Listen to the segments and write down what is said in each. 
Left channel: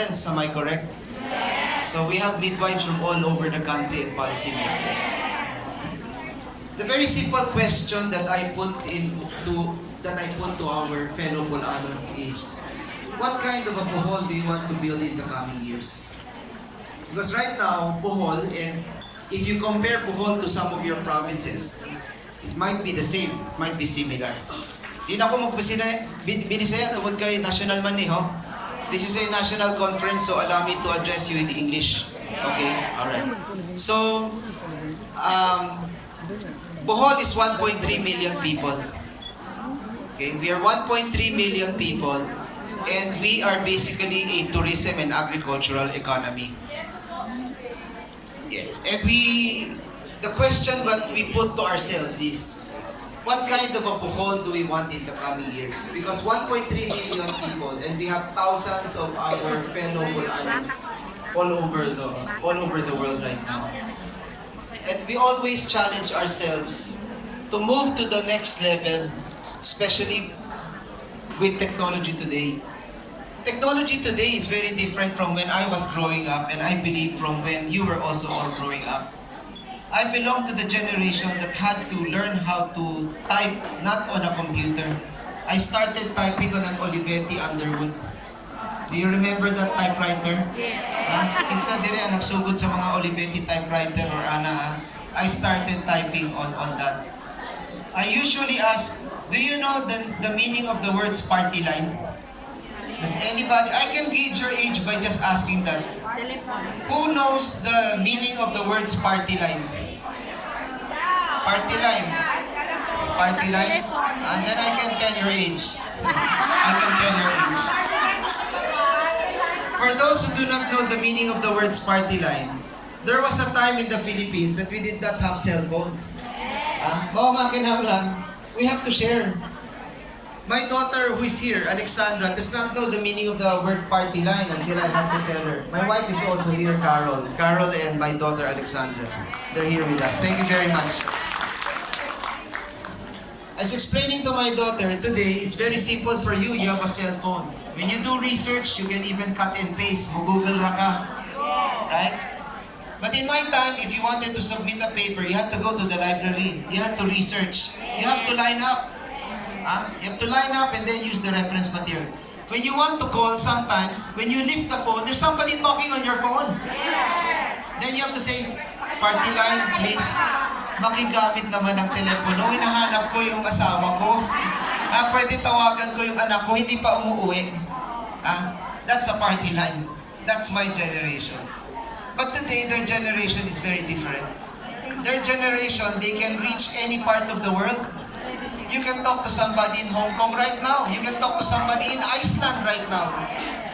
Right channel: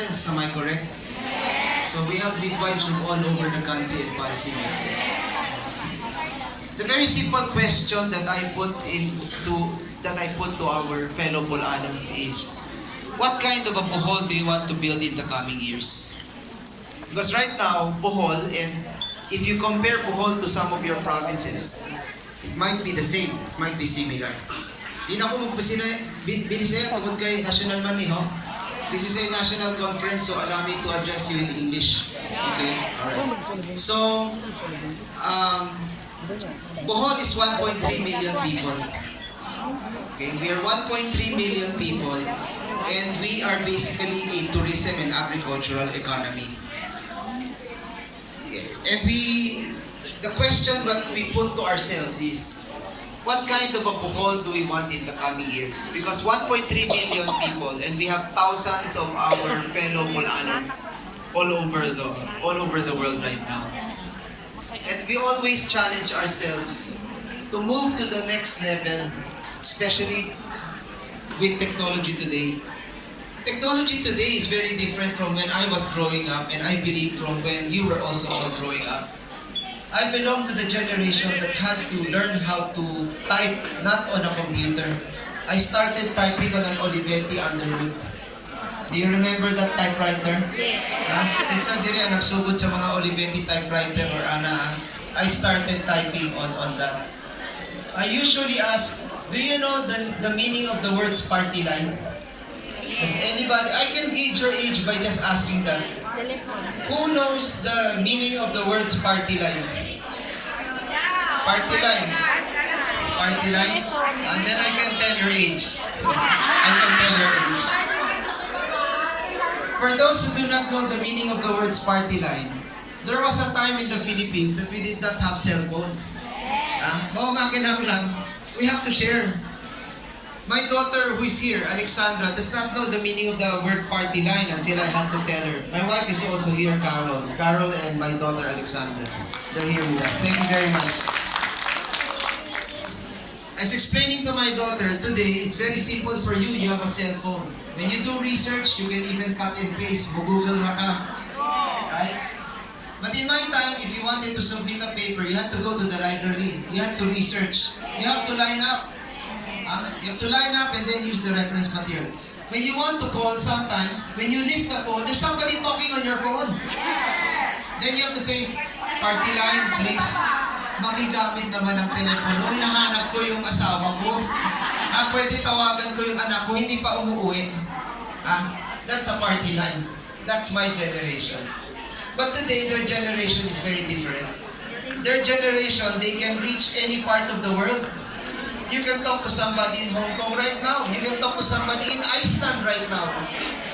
Friends, am I correct? So we have midwives from all over the country and policymakers. The very simple question that I put to our fellow Bolanons is, what kind of a Bohol do you want to build in the coming years? Because right now, Bohol, and if you compare Bohol to some of your provinces, it might be the same, it might be similar. Di na ako binisaya tungkol kay national man ho. This is a national conference, so allow me to address you in English. Okay? Alright. So, Bohol is 1.3 million people. Okay? We are 1.3 million people, and we are basically a tourism and agricultural economy. Yes. And the question that we put to ourselves is, what kind of a Bohol do we want in the coming years? Because 1.3 million people, and we have thousands of our fellow Bolanons all over the world right now. And we always challenge ourselves to move to the next level, especially with technology today. Technology today is very different from when I was growing up, and I believe from when you were also all growing up. I belong to the generation that had to learn how to type not on a computer. I started typing on an Olivetti Underwood. Do you remember that typewriter? Yes. Pinsan din ang nagsugod sa mga Olivetti typewriter or ana. I started typing on that. I usually ask, do you know the meaning of the words party line? Does anybody, I can gauge your age by just asking that. Who knows the meaning of the words party line? Party line. Party line? And then I can tell your age. I can tell your age. For those who do not know the meaning of the words party line, there was a time in the Philippines that we did not have cell phones. Oo nga kinahanglan, we have to share. My daughter who is here, Alexandra, does not know the meaning of the word party line until I had to tell her. My wife is also here, Carol. Carol and my daughter, Alexandra. They're here with us. Thank you very much. As explaining to my daughter, today, it's very simple for you. You have a cell phone. When you do research, you can even cut and paste. Google ra ka. Right? But in my time, if you wanted to submit a paper, you had to go to the library. You had to research. You have to line up. You have to line up and then use the reference material. When you want to call, sometimes, when you lift the phone, there's somebody talking on your phone. Yes. Then you have to say, party line, please. Makigamit naman ng telepono. Hinahanap ko yung asawa ko. Pwede tawagan ko yung anak ko, hindi pa umuwi. That's a party line. That's my generation. But today, their generation is very different. Their generation, they can reach any part of the world. You can talk to somebody in Hong Kong right now. You can talk to somebody in Iceland right now.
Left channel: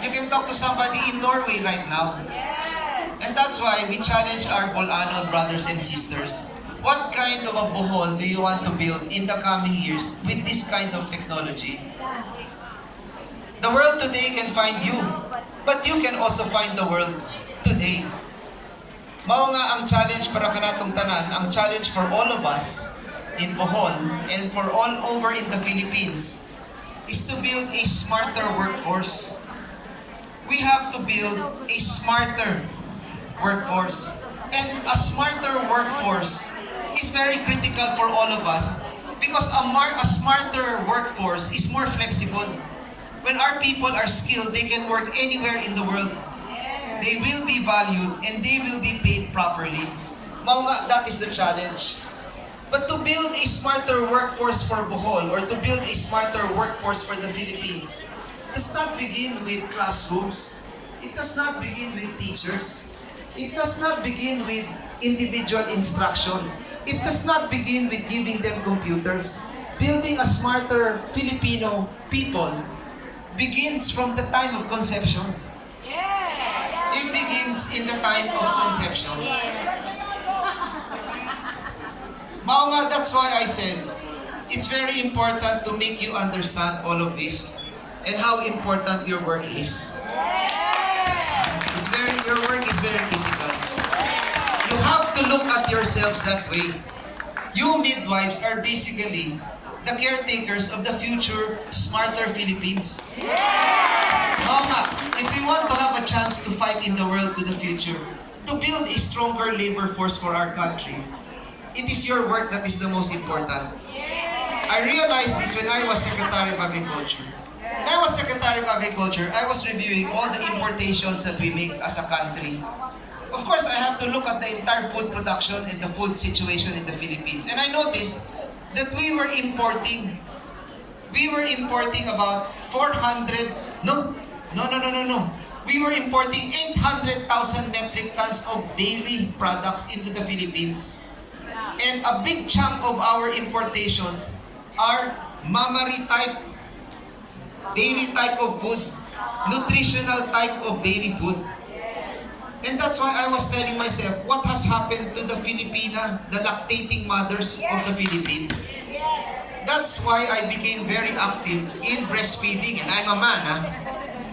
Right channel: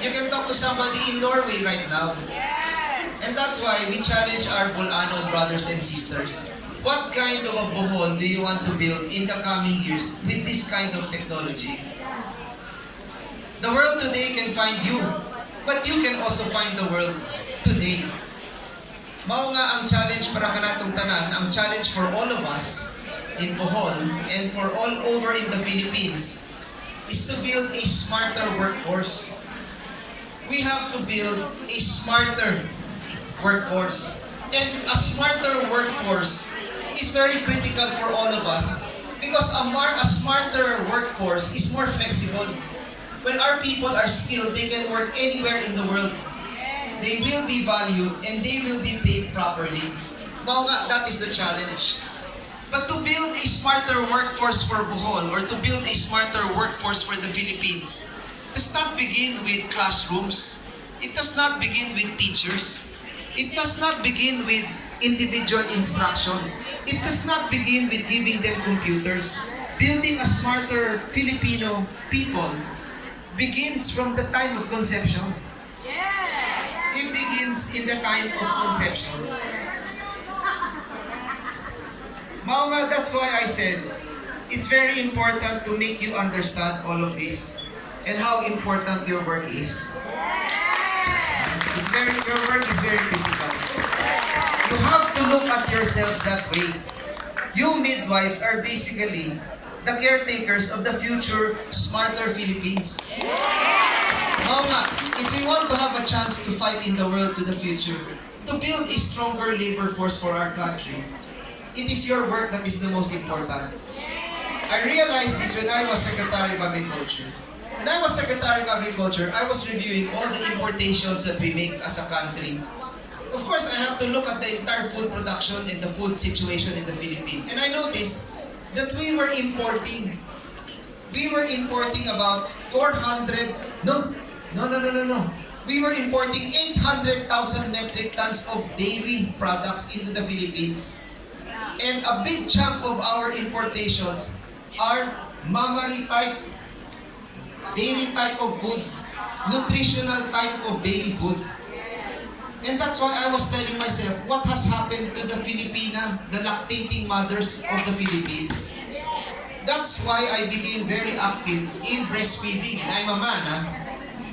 You can talk to somebody in Norway right now. Yes. And that's why we challenge our Bolanon brothers and sisters. What kind of a Bohol do you want to build in the coming years with this kind of technology? The world today can find you, but you can also find the world today. Mao nga ang challenge para kanatong tanan, ang challenge for all of us in Bohol and for all over in the Philippines is to build a smarter workforce. We have to build a smarter workforce. And a smarter workforce is very critical for all of us because a smarter workforce is more flexible. When our people are skilled, they can work anywhere in the world. They will be valued and they will be paid properly. Mao nga, that is the challenge. But to build a smarter workforce for Bohol or to build a smarter workforce for the Philippines does not begin with classrooms. It does not begin with teachers. It does not begin with individual instruction. It does not begin with giving them computers. Building a smarter Filipino people begins from the time of conception. It begins in the time of conception. Mao nga, that's why I said, it's very important to make you understand all of this and how important your work is. Your work is very critical. You have to look at yourselves that way. You midwives are basically the caretakers of the future smarter Philippines. Oo nga, if we want to have a chance chance to fight in the world to the future, to build a stronger labor force for our country, it is your work that is the most important. I realized this when I was Secretary of Agriculture. When I was Secretary of Agriculture, I was reviewing all the importations that we make as a country. Of course, I have to look at the entire food production and the food situation in the Philippines. And I noticed that we were importing about 400, no. We were importing 800,000 metric tons of dairy products into the Philippines. And a big chunk of our importations are mammary type, dairy type of food, nutritional type of dairy food. And that's why I was telling myself, what has happened to the Filipina, the lactating mothers of the Philippines? That's why I became very active in breastfeeding. And I'm a man,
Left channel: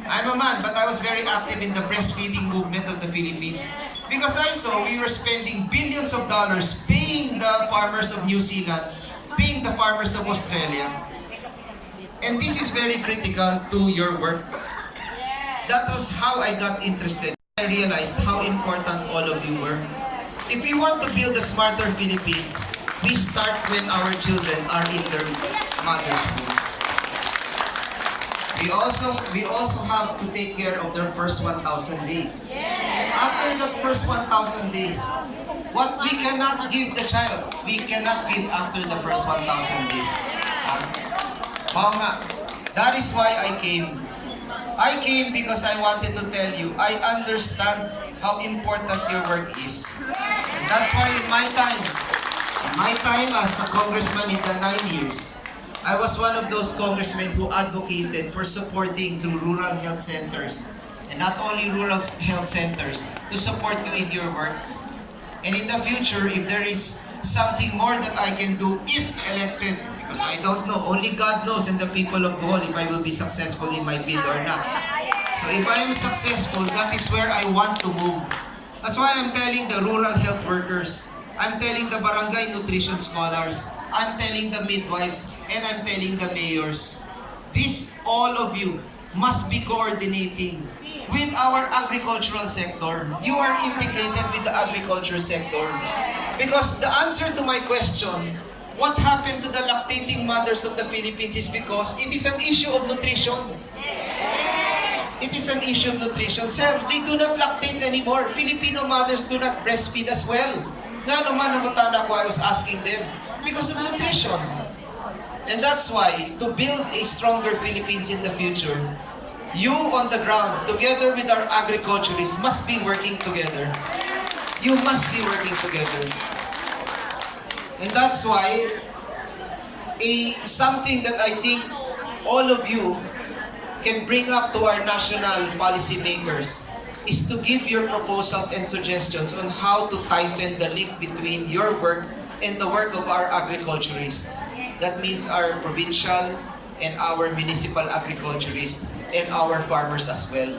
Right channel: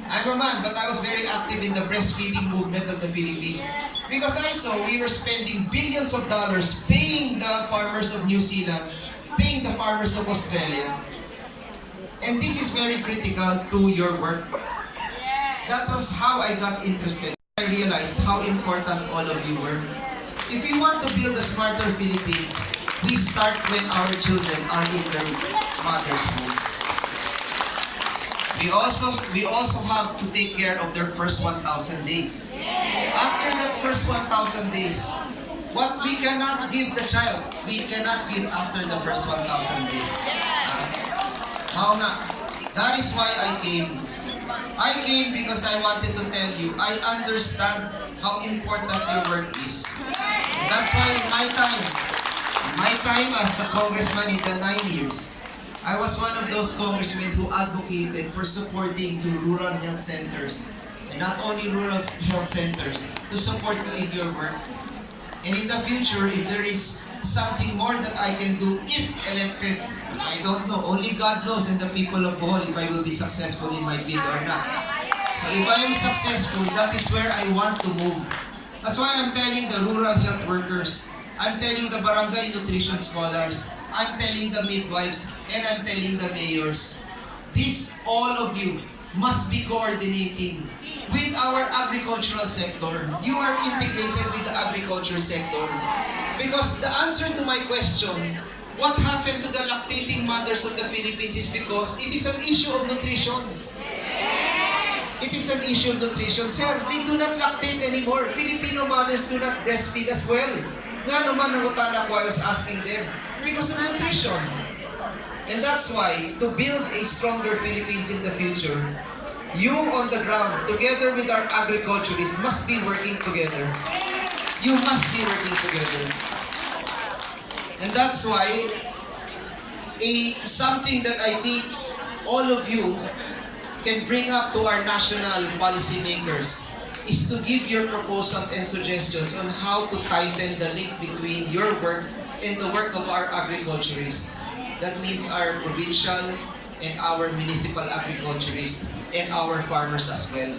I'm a man, but I was very active in the breastfeeding movement of the Philippines. Because I saw we were spending billions of dollars paying the farmers of New Zealand, paying the farmers of Australia. And this is very critical to your work. That was how I got interested. I realized how important all of you were. If we want to build a smarter Philippines, we start when our children are in their mother's wombs. We also have to take care of their first 1,000 days. After that first 1,000 days, what we cannot give the child, we cannot give after the first 1,000 days. Oo nga. That is why I came. I came because I wanted to tell you, I understand how important your work is. That's why in my time as a congressman in the 9 years, I was one of those congressmen who advocated for supporting the rural health centers. And not only rural health centers, to support you in your work. And in the future, if there is something more that I can do if elected, because I don't know, only God knows and the people of Bohol if I will be successful in my bid or not. So if I am successful, that is where I want to move. That's why I'm telling the rural health workers, I'm telling the barangay nutrition scholars, I'm telling the midwives, and I'm telling the mayors. This, all of you, must be coordinating with our agricultural sector. You are integrated with the agriculture sector. Because the answer to my question, what happened to the lactating mothers of the Philippines, is because it is an issue of nutrition. It is an issue of nutrition. Sir, they do not lactate anymore. Filipino mothers do not breastfeed as well. Nga naman ang utana ko, I was asking them, because of nutrition. And that's why, to build a stronger Philippines in the future, you on the ground, together with our agriculturists, must be working together. You must be working together. And that's why, something that I think all of you can bring up to our national policy makers is to give your proposals and suggestions on how to tighten the link between your work and the work of our agriculturists. That means our provincial and our municipal agriculturists and our farmers as well.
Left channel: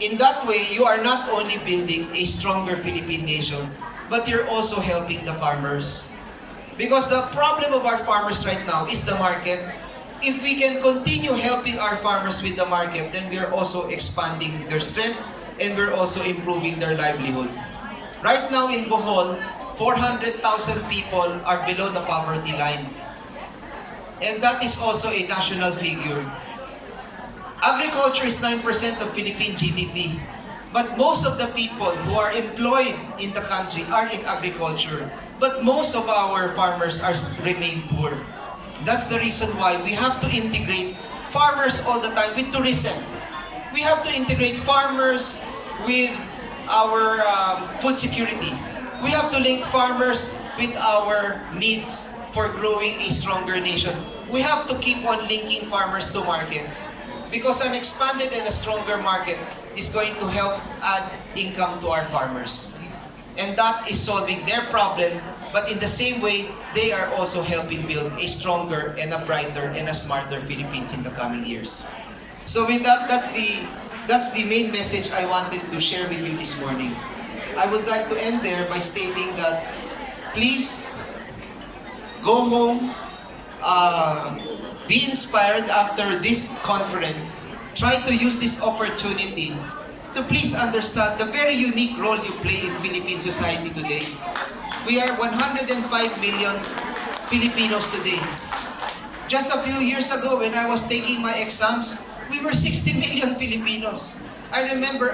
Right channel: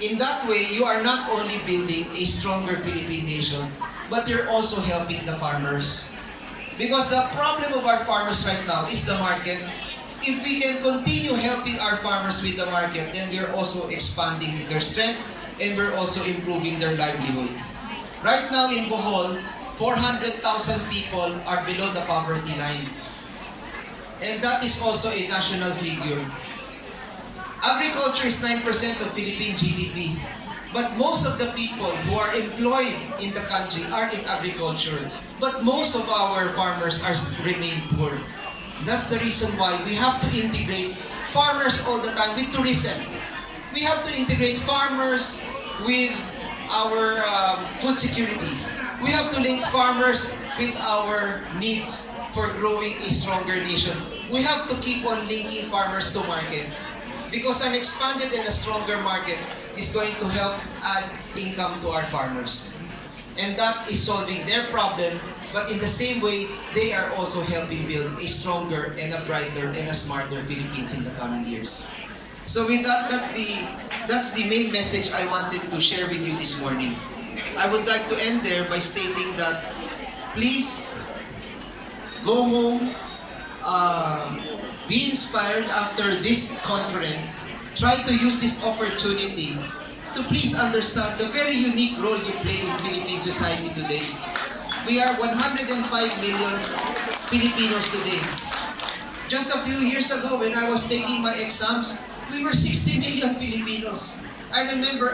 In that way, you are not only building a stronger Philippine nation, but you're also helping the farmers. Because the problem of our farmers right now is the market. If we can continue helping our farmers with the market, then we are also expanding their strength and we're also improving their livelihood. Right now in Bohol, 400,000 people are below the poverty line. And that is also a national figure. Agriculture is 9% of Philippine GDP. But most of the people who are employed in the country are in agriculture. But most of our farmers remain poor. That's the reason why we have to integrate farmers all the time with tourism. We have to integrate farmers with our food security. We have to link farmers with our needs for growing a stronger nation. We have to keep on linking farmers to markets because an expanded and a stronger market is going to help add income to our farmers. And that is solving their problem, but in the same way, they are also helping build a stronger and a brighter and a smarter Philippines in the coming years. So with that, that's the main message I wanted to share with you this morning. I would like to end there by stating that please go home, be inspired after this conference. Try to use this opportunity to please understand the very unique role you play in Philippine society today. We are 105 million Filipinos today. Just a few years ago, when I was taking my exams, we were 60 million Filipinos. I remember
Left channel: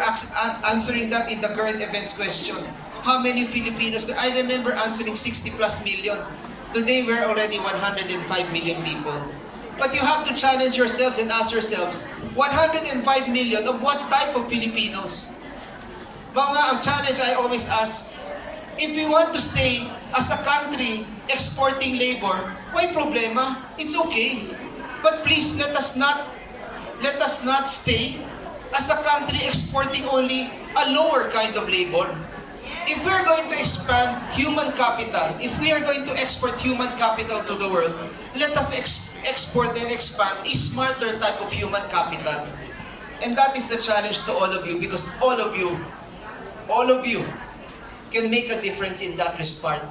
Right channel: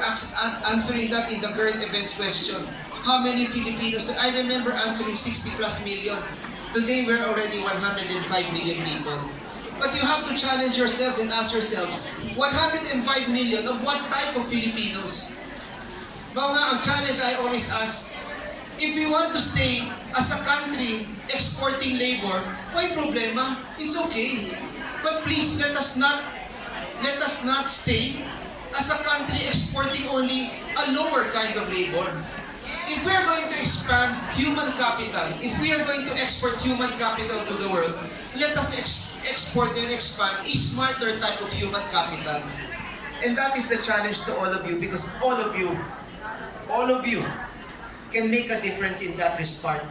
answering that in the current events question. How many Filipinos? I remember answering 60 plus million. Today, we're already 105 million people. But you have to challenge yourselves and ask yourselves, 105 million of what type of Filipinos? Mga ang challenge I always ask, if we want to stay as a country exporting labor, why problema? It's okay. But please let us not stay as a country exporting only a lower kind of labor. If we're going to expand human capital, if we are going to export human capital to the world, let us export and expand a smarter type of human capital. And that is the challenge to all of you, because all of you can make a difference in that respect,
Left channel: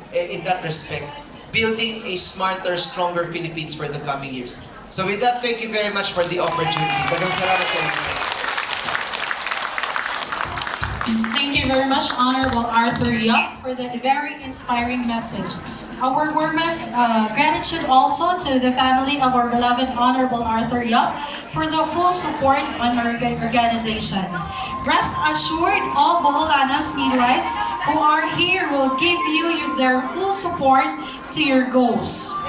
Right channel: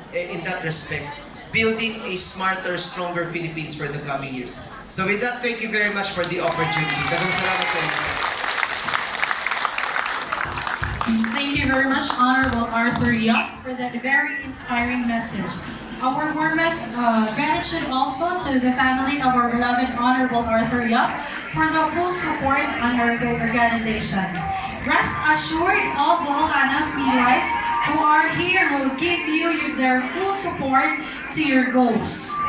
building a smarter, stronger Philippines for the coming years. So with that, thank you very much for the opportunity. Daghang salamat kayo. Thank you very much, Honorable Arthur Yap, for that very inspiring message. Our warmest gratitude also to the family of our beloved Honorable Arthur Yap for the full support on our organization. Rest assured, all Boholanas midwives who are here will give you their full support to your goals.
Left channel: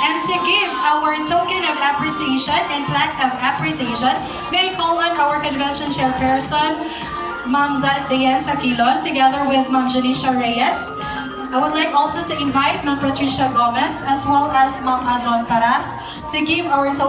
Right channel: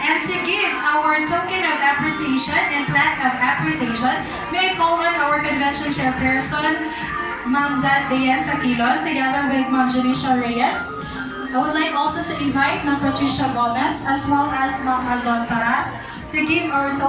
And to give our token of appreciation and plaque of appreciation, may I call on our convention chairperson, Ma'am Diane Saquilon, together with Ma'am Janisha Reyes. I would like also to invite Ma'am Patricia Gomez as well as Ma'am Azon Paras to give our token